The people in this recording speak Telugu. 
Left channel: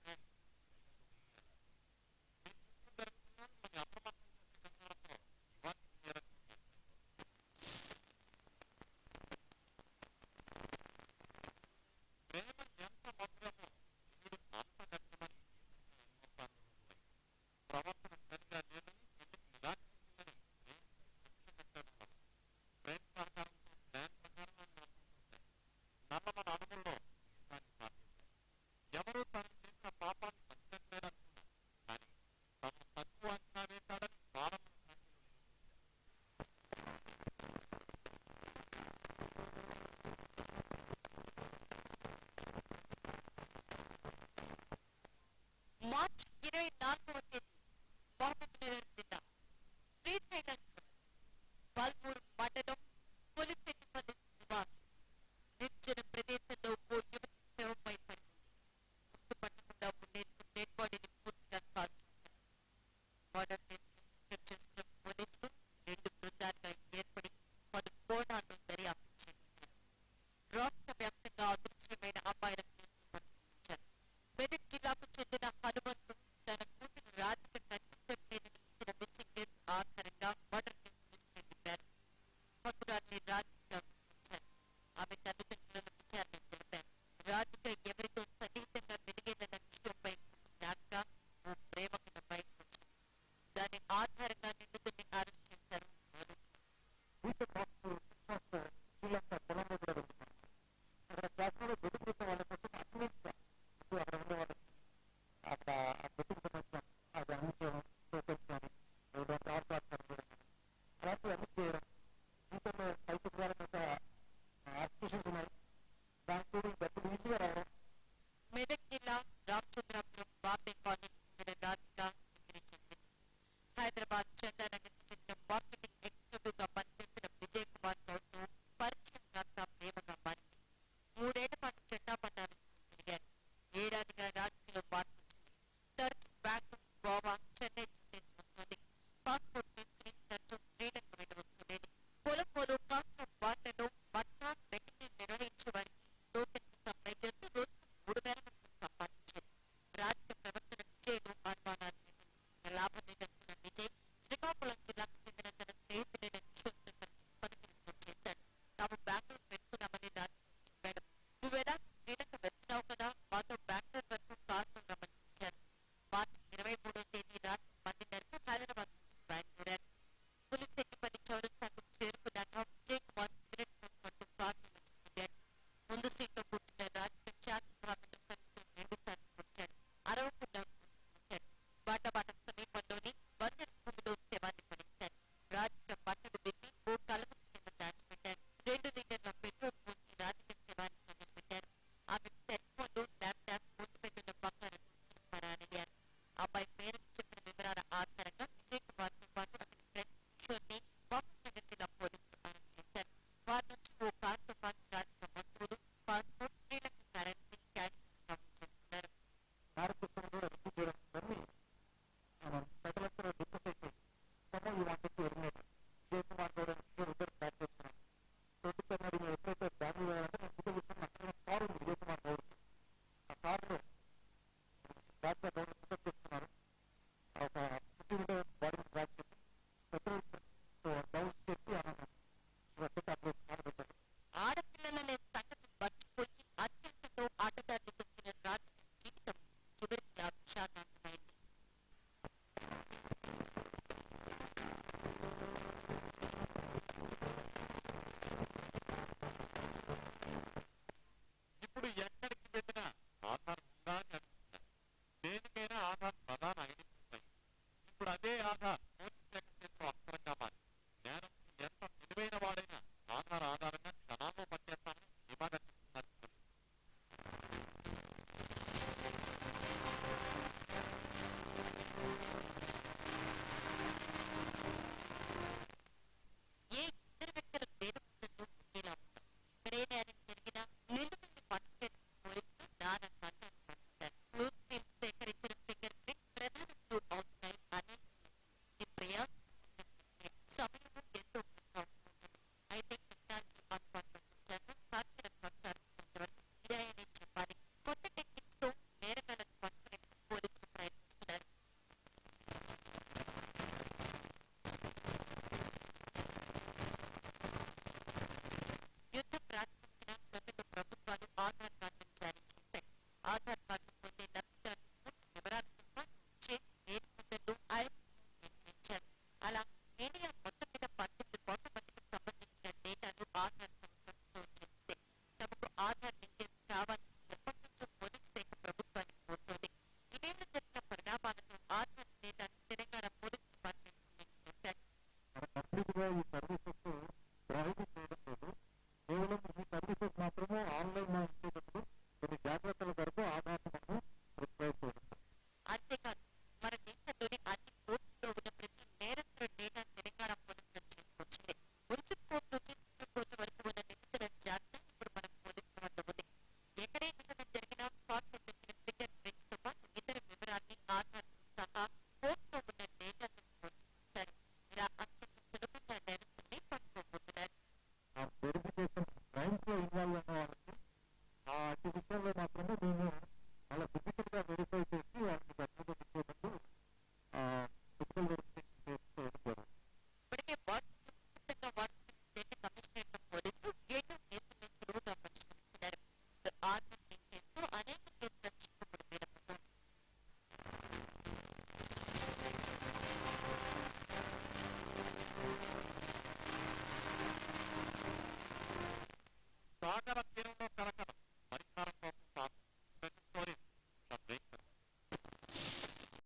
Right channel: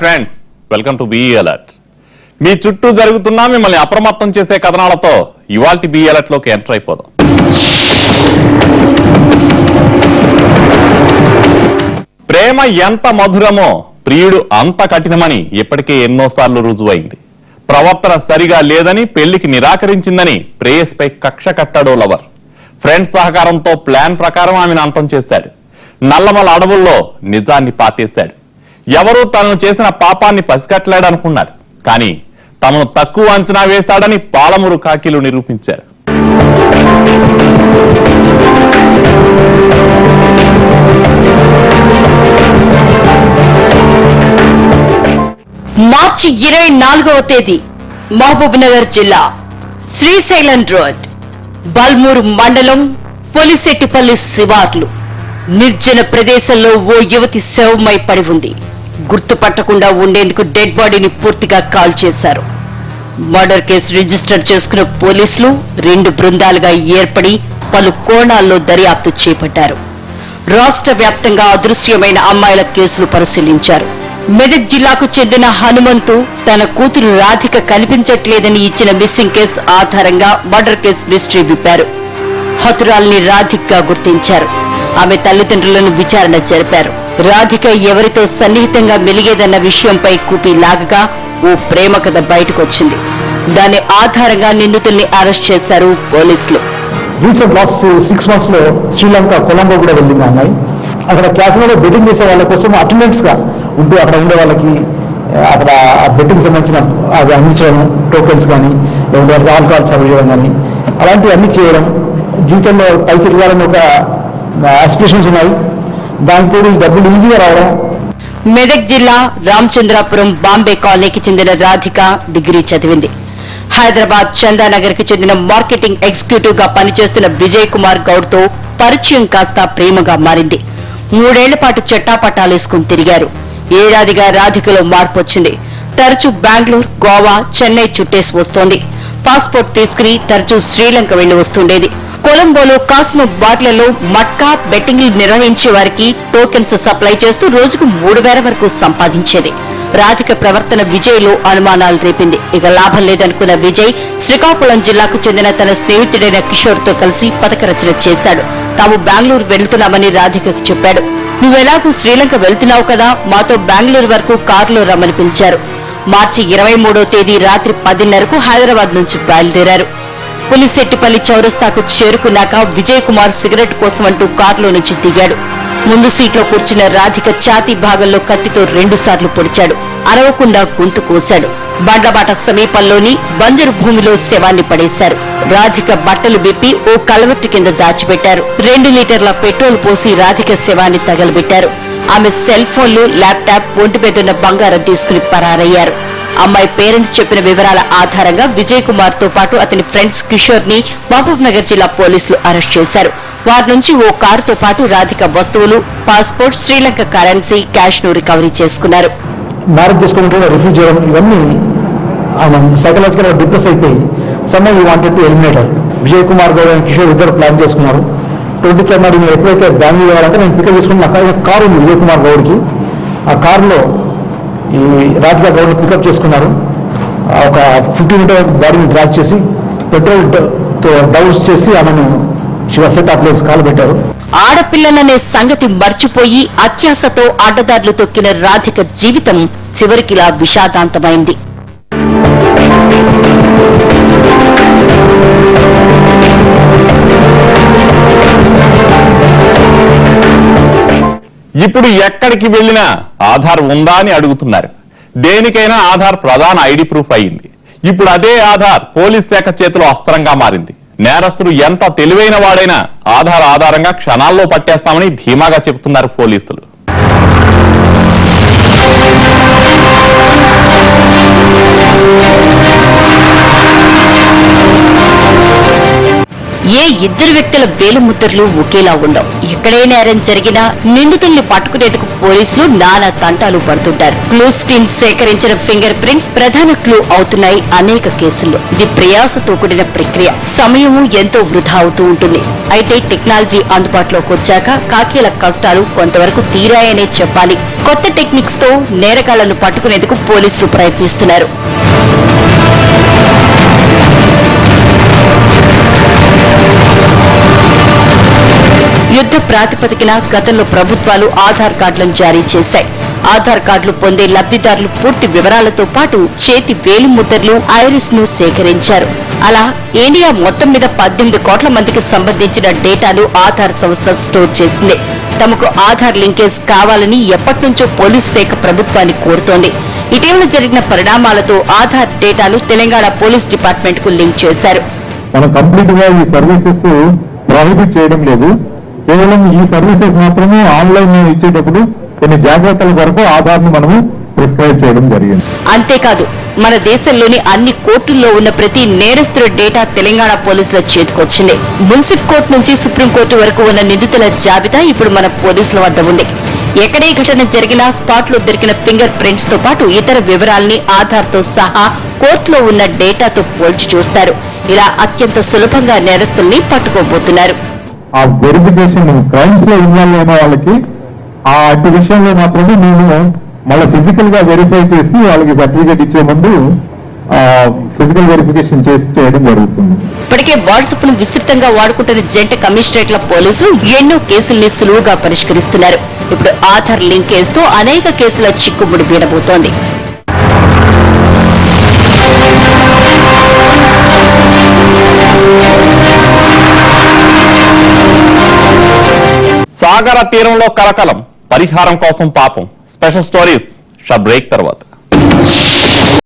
Friends, welcome to Be Alert. మీ చుట్టూ జరుగుతున్నా మిమ్మల్ని అప్రమత్తం చేసే కథనాలతో ఇవాల్టి బీ అలర్ట్ లోకి ఎంటర్ అయిపోదాం. ప్రేమ ఎంత మధురమో ప్రియుడు అంత కఠినమని ఇప్పటికే ఎన్నోసార్లు రుజువైంది. ప్రవర్తన సరిగా లేదని పెళ్లికి నిరాకరించిందని ప్రేయస్పై కక్ష కట్టాడో లవర్. ఫ్రెండ్స్ సహకారంతో ప్లాన్ ప్రకారం ఆమెను అంతం చేశాడు. నల్లమల అడవుల్లో నిజాన్ని పాతేశాడు. ఎవరూ తనను చేసిన పాపాన్ని పసిగట్టలేడనుకున్నారు. కానీ తమను తక్కువ అంచనా వేశాడని పాలమూరు కాకీలు నిరూపించారు. మార్చి 24వ తేదీ మహబూబ్నగర్ జిల్లా శ్రీశైలం రోడ్ బల్మూరు మండలం పొలిశెట్టిపల్లి శివార్లు నిర్జన ప్రదేశంలో ఓ యువతి శవమై పడి ఉంది. గుర్తుపట్టకుండా ఉండేందుకు డెడ్ బాడీని పూర్తిగా కాల్ చేశారు. మర్డర్ కేసు రిజిస్టర్ చేసుకున్న పోలీసులు 2 బృందాలుగా ఏర్పడి పలు కోణాల్లో దర్యాప్తు చేపట్టారు. రాష్ట్ర వ్యాప్తంగా అదృశ్యమైన అమ్మాయిల కేసులు పరిశీలించారు. మెదక్ జిల్లాకు చెందిన హనుమంతు తన కూతురు రాధిక కనిపించట్లేదని ఇచ్చిన మిస్సింగ్ కేసు ఆధారంగా మర్డర్ కేసు మిస్టరీ విప్పారు. హతురాల్ని రాధికగా గుర్తించారు. ఆమె తల్లిదండ్రులను విచారణ జరిపారు. రాధిక ఎవరితో సన్నిహితంగా మెలిగేదన్న విషయంపై కూపి లాగగా ఓ ప్రేమ కథ బయటకొచ్చింది. దాని ఆధారంగా నిందితుల్ని అరెస్ట్ చేశారు పోలీసులు. రీసెంట్ లాస్ట్ 6 months లో శ్రీలంక కొలంబో కూడా వెళ్ళింది అమ్మాయి. అక్కడ క్యాసినోలో బెట్టింగ్ చేసే వాళ్ళ కోసం అటెండెంట్స్ గా ఉంటూ అక్కడ ఉండే వాళ్ళకి అక్కడ బెట్టింగ్ సంబంధించిన అవి అందించడం, టోకెన్స్ కానీ లేదంటే ఆల్కహాల్ సర్వ్ చేయడం కానీ అలాంటివి అన్ని చేయడం, జీవితంలో పైకి ఎదగాలని ఒక ఆస్పిరేషన్స్ ఉన్నాయి. దానితో ఈ డబ్బులు ఈజీగా రావడం. మెదక్ జిల్లా రామచంద్రాపురం బాంబే కాలనీకి చెందిన రాధిక డిగ్రీ చదివింది. హైదరాబాద్ చందానగర్ కి చెందిన మార్కెటింగ్ ఎగ్జిక్యూటివ్ గా పనిచేస్తున్న విజయ్ కుమార్ గౌడ్ తో పరిచయం కాస్త ప్రేమగా మారింది. 3 ఏళ్ల పాటు చెట్టాపట్టాలేసుకుని తిరిగారు. ఏడాదిగా రాధికలో మార్పు వచ్చింది. తరచూ బెంగళూరు, గోవా, చెన్నై చుట్టేసి వస్తోంది. పాస్పోర్ట్ తీసుకుని తరచూ శ్రీలంక వెళ్లి వస్తుండేది. కొలంబోలో కాసినో బాట్లలో మట్కా బెట్టింగ్లు నిర్వహించే వారికి టోకెన్స్ సప్లై చేస్తూ రోజుకు 3,000 వరకు సంపాదించేది. రాధిక ప్రవర్తన విజయ్ లో అనుమానాలు రేపింది. ఇక లాభం లేదనుకున్న విజయ్ శ్రీకాకుళం జిల్లాకు చెందిన తన స్నేహితుడైన కిషోర్ తో కలిసి పథక రచన చేశాడు. తాము బెంగళూరు వెళ్తున్నామని రాధికకు చెప్పాడు. నువ్వెలాగూ శ్రీలంక వెళ్తున్నావు కదా, మాతో బెంగళూరు వరకు కారులో రమ్మని పిలిచారు. మార్చి 23వ తేదీ రాత్రి 10:30కు హైదరాబాద్ నుంచి బయలుదేరారు. పులిశెట్టిపల్లి చౌరస్తాకు చేరుకున్నాక విజయ్ కుమార్ సిగరెట్ కోసం అంటూ కారులో నుంచి దిగాడు. ముందు సీట్లో కూర్చున్న రాధిక ఛాతీ భాగంలో కత్తితో 2 సార్లు పొడిచాడు. అరవకుండా గొంతు కోశాడు. బండ్లబాట సమీపంలోని బంజరు భూమిలో శవాన్ని పడేశారు. రాధిక బట్టలు విప్పి ఓ కలవెట్టు కింద దాచిపెట్టారు. 2 లీటర్ల పెట్రోల్ పోసి రాధిక శవాన్ని తగలబెట్టారు. ఆమె సెల్ ఫోన్లు, ల్యాప్టాప్, ఒంటి మీదున్న బంగారం తీసుకుని పరారయ్యారు. అమ్మాయి పేరెంట్స్ చెప్పిన వివరాల ఆధారంగా విజయ్ కుమార్ తో పాటు అతని ఫ్రెండ్స్ కిషోర్ ని మహబూబ్నగర్ జిల్లా పోలీసులు అరెస్ట్ చేశారు. వారి నుంచి ఓ కారుతో పాటు రాధిక వస్తువులు, పాస్పోర్ట్, శ్రీలంక కరెన్సీ, క్యాష్ ను రికవరీ చేసుకున్నారు. మ్యారేజ్ చేసుకుంటే రిఫ్యూజ్ చేయడం ఇవన్నీ ఆయన సైకలాజికల్ గా డిప్రెస్ అయిపోయి somehow he wanted to eliminate her. Vijay Kumar Goud and Kishore ఇద్దరు ప్లాన్ చేసుకున్నారు. 23rd నాడు నేను ఎప్పుడైతే బెంగళూరు వెళ్ళాలంటే నేను పికప్ చేసుకుని నాకు కారు ఉంది విజయ్ కుమార్ గౌడ్కి. ఆ కారులో ఈ రాధిక గౌడ్ పికప్ చేసుకున్నారు. ఒక 50 మీటర్ బాడీని డ్రాగ్ చేసి పెట్రోల్ తో డౌన్స్ చేసి ఆమెను కాలు పెట్టారు. ఆడపిల్లలనే సంగతి మర్చిపోయి అత్యాశతో అడ్డదారులు తొక్కిన రాధిక జీవితం చివరికిలా విషాదాంతమైంది. ఇప్పుడు ఎక్కడికి వెళ్లినా ఆధార్ ఉందా అని అడుగుతున్నారు. దేనికైనా ఆధార్ ప్రధాన ఐడి ప్రూఫ్ అయింది. ఇప్పుడు అదే ఆధార్ పోలీస్ శాఖ చేతిలో అస్త్రంగా మారింది. నేరస్తుడు ఎంత తెలివైన వాడైనా ఆధార్ ఆధారంగా క్షణాల్లో పట్టేస్తామని ధీమాగా చెబుతున్నారు పోలీసులు. ఏ 2 వ్యక్తుల వేలిముద్రలు ఒకేలా ఉండవు. ఎక్కడే నేరం జరిగినా నిందితుల్ని పట్టుకునేందుకు పోలీసులు నానా తంటాలు పడుతుంటారు. క్లూస్ టీమ్ సేకరించిన ఫింగర్ ప్రింట్స్ ప్రధాన క్లూ అవుతున్నాయి అనేక కేసుల్లో. ఇది ప్రయాసతో కూడిన ప్రక్రియ, సమయము ఎంతో వృధా అవుతూ ఉంటుంది. అయితే టెక్నాలజీ అందుబాటులోకి వచ్చాక కాకీల కష్టాలు కొంతవరకు తీరాయనే చెప్పాలి. కొత్త టెక్నిక్స్ తో నేరగాళ్లను పట్టుకునేందుకు పోలీసులు ప్రయత్నిస్తున్నారు. యుద్ధ ప్రాతిపదికన గతంలో ప్రభుత్వాలు ఆధార్ కార్డులను జారీ చేశాయి. ఆధార్ కార్డులు పొందే లబ్ధిదారులు పూర్తి వివరాలతో పాటు చేతి వేలిముద్రలు, ఐరిస్ ను సేకరించారు. అలా ఇండియా మొత్తం మీద 18 కోట్ల మందికి సంబంధించిన డేటాను ఆధార్ సంస్థ స్టోర్ చేసింది. తమకు ఆధార్ లింకేజ్ కావాలని ఎప్పటినుంచో పోలీస్ శాఖ ప్రభుత్వాన్ని కోరుతోంది. ఇటీవల జరిగిన పరిణామాలతో ఆధార్ డేటాను తెలంగాణ పోలీస్ డిపార్ట్మెంట్ కు లింక్ చేశారు. మనం కంప్లీట్ గా ఈ సర్వీసెస్ ప్రొహిబిట్ చేయడం లేదు. కేవలం ఈ సర్వీసెస్ మాత్రమే ఆన్లైన్ ఇచ్చేటప్పుడు కొన్ని జాగ్రత్తల కొరకు ఆధార్ ను మనము ప్రిస్క్రైబ్ చేయడం జరిగింది. అంతేకాదు, మన దేశంలోని అన్ని కోర్టుల్లో ఉన్న ప్రతి నేరస్తుల డేటా తెలంగాణ పోలీసుల చేతికొచ్చింది. మున్సిఫ్ కోర్టు నుంచి సుప్రీంకోర్టు వరకు ఉన్న నిందితుల జాబితా ఇప్పుడు మన పోలీసుల వద్ద ఉంది. ఎక్కడే ఘటన జరిగినా స్పాట్ లో దొరికిన ఫింగర్ ప్రింట్స్ తో పాటు ఇతర వివరాల్ని ఆధార్ తో సహా కోర్టులో ఉన్న డేటాతో పోల్చి చూస్తారు. ఇలా అత్యంత సులభంగా నేరస్తుల్ని పట్టుకోబోతున్నారు. ఆ వెరిఫికేషన్ క్రైమ్స్ లో ఇన్వాల్వ్ అయిన వాళ్ళకి ఆ అట్టి విషయంలో మాత్రమే మేము మళ్ళీ ఫిజికల్ గా వెరిఫై చేసి వాళ్ళకి సర్టిఫికేట్ ఇచ్చే ముందు ఫిజికల్ వెరిఫికేషన్ చేసి చేయడం జరుగుతుంది. ఇప్పటికే వాట్సాప్ ను విస్తృతంగా వాడుకుంటున్న జంట కమిషనరేట్ల పోలీసులు ఎన్నో కేసుల్ని సులువుగా పరిష్కరిస్తున్నారు. ఇప్పుడు ఆధార్ లింకేజ్ తో అనేక కేసుల చిక్కుముడి వీడబోతోంది. సాగర తీరంలో కలకలం, పరిహారం కోసం పాపం. స్పెషల్ స్టోరీస్ షా బ్రేక్ తర్వాత.